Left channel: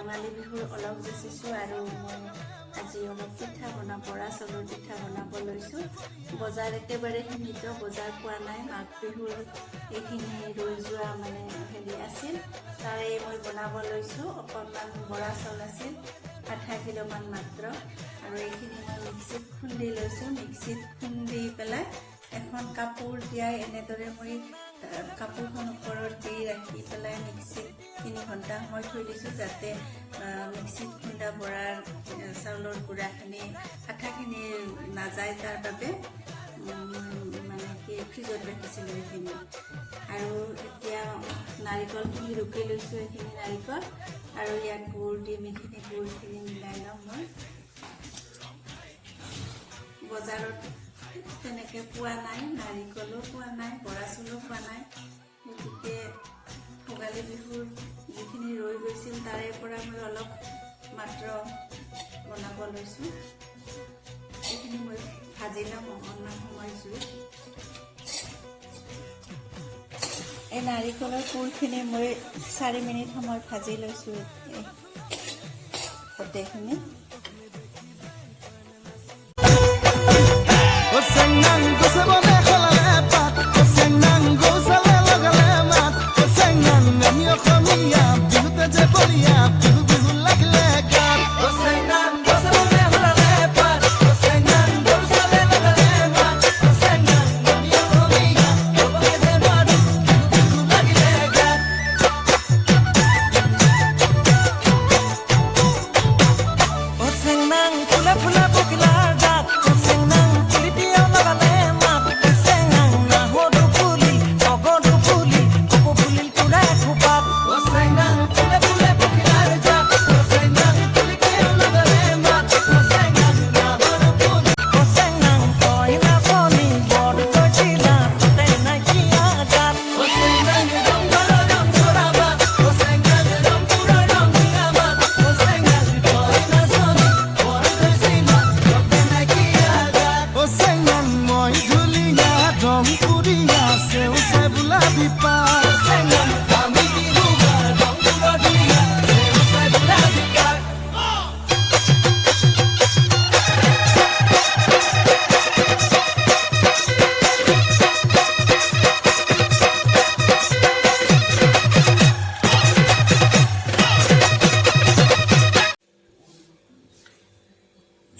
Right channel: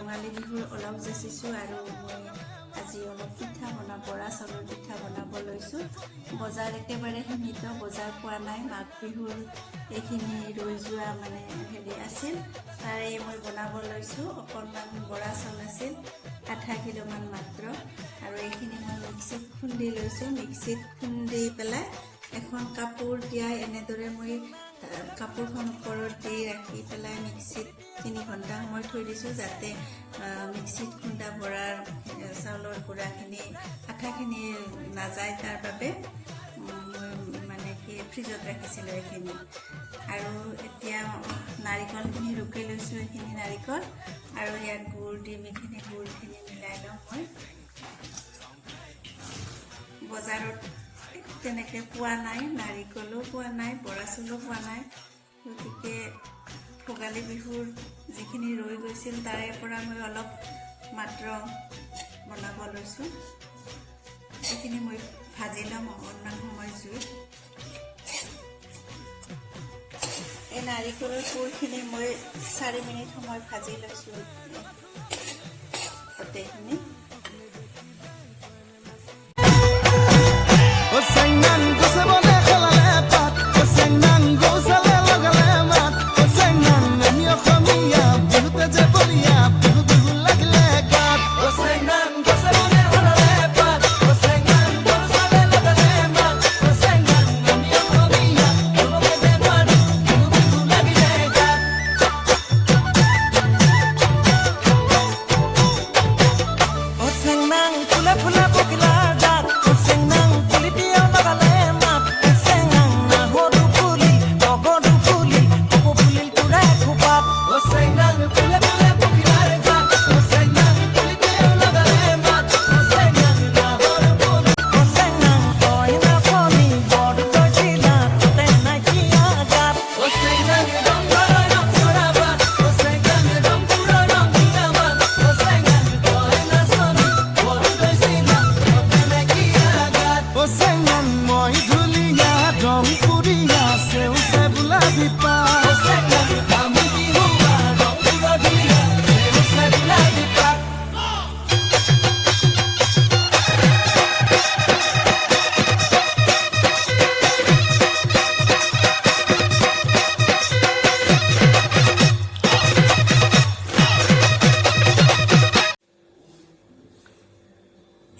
ৰঙালী বিহুৰ অলপ যাচিছোঁ আৰু মই আজি অলপ পিঠা বৰা চাউলৰ পিঠা বনাব লৈছোঁ। বজাৰ একেবাৰে সীমিত, বজাৰ পোৱা নাই। মাঘ বিহুৰ এইখিনি ৰৈ যোৱা হেৰি আছিল, তাৰে মই বনাব লৈছোঁ। অকণমান বৰা চাউল আছিল, আধা কিলোমান মাত্ৰ, আৰু এইখিনি মই মিক্সিত খুন্দি লৈছোঁ। মিক্সিত খুন্দি পেলাই এখন কাপোৰ তিয়াই এনেদৰে মই কাপোৰখন ওপৰত দি ৰাখি পেলাই মিক্সিত 3 ঘণ্টা সময় থৈ দিছোঁ, যাতে মিক্সিত খুন্দা বৰাৰ চাউলৰ গুড়াখিনি আঠাখিনি নাযায়, তাৰ বাবে মই ফ্ৰিজত ৰাখিছিলোঁ এইখিনি। আৰু এতিয়া নাৰিকলখিনি ৰুকি লৈছোঁ, এইখিনি নাৰিকল, আৰু ইয়াত গুড় দিম। এইখিনি গুড়খিনি মিলাই লওঁ মই। বজাৰত তেনেকৈ পোৱা নাই, নাৰিকলো পোৱা নাই, বৰা চাউলো পোৱা নাই, গতিকে ভোগালী বিহুৰ যিখিনি ৰৈ গৈছিল তাৰে পৰা মই অলপ মাত্ৰ বনাব লৈছোঁ। এইখিনি মই ভাজি ল'ম অকণমান সময় জুইত। এই নাৰিকলৰ পুৰখিনি মই 4 মিনিট সময় ভাজি লৈছোঁ গোটেইখিনি।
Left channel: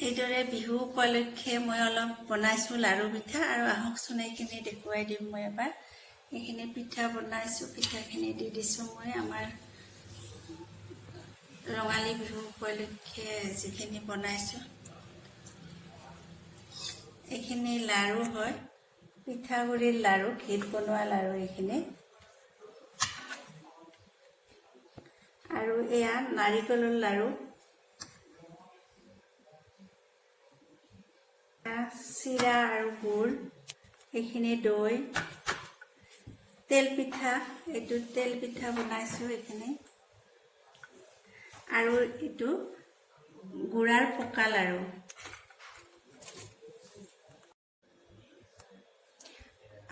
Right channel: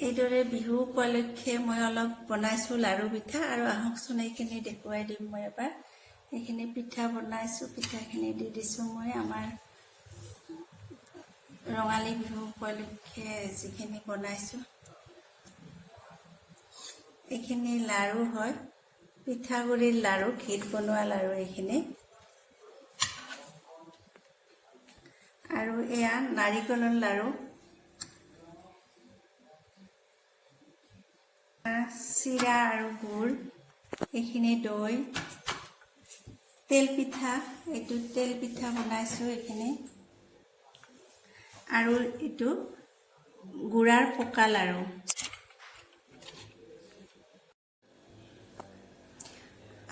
এইদৰে বিহু উপলক্ষে মই অলপ বনাইছোঁ লাড়ু পিঠা, আৰু আহকচোন এইখিনি দেখুৱাই দিম মই এবাৰ। এইখিনি পিঠা বনাইছোঁ, পিঠাখিনি দি দিছোঁ মই আমাৰ ৰঙালী বিহু উপলক্ষে যিখিনি বনাইছোঁ। এইখিনি লাড়ু হয়, পিঠাগুড়িৰ লাড়ু, ঘিত বনোৱা লাড়ু এইখিনি। আৰু এয়া নাৰিকলৰ লাড়ু, চিৰা আৰু গুড়, এইখিনি দৈ, তেল পিঠা, এইটো তেল পিঠা বনাইছোঁ এইখিনি, আৰু এইটো গুড়াৰ পকা লাড়ু।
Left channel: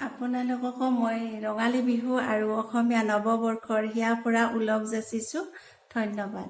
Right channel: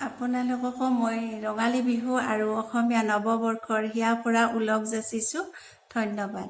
আপোনালোককো মই ৰঙালী বিহু আৰু অসমীয়া নৱবৰ্ষৰ হিয়াৰ পৰা ওলগ যাচিছোঁ। ধন্যবাদ।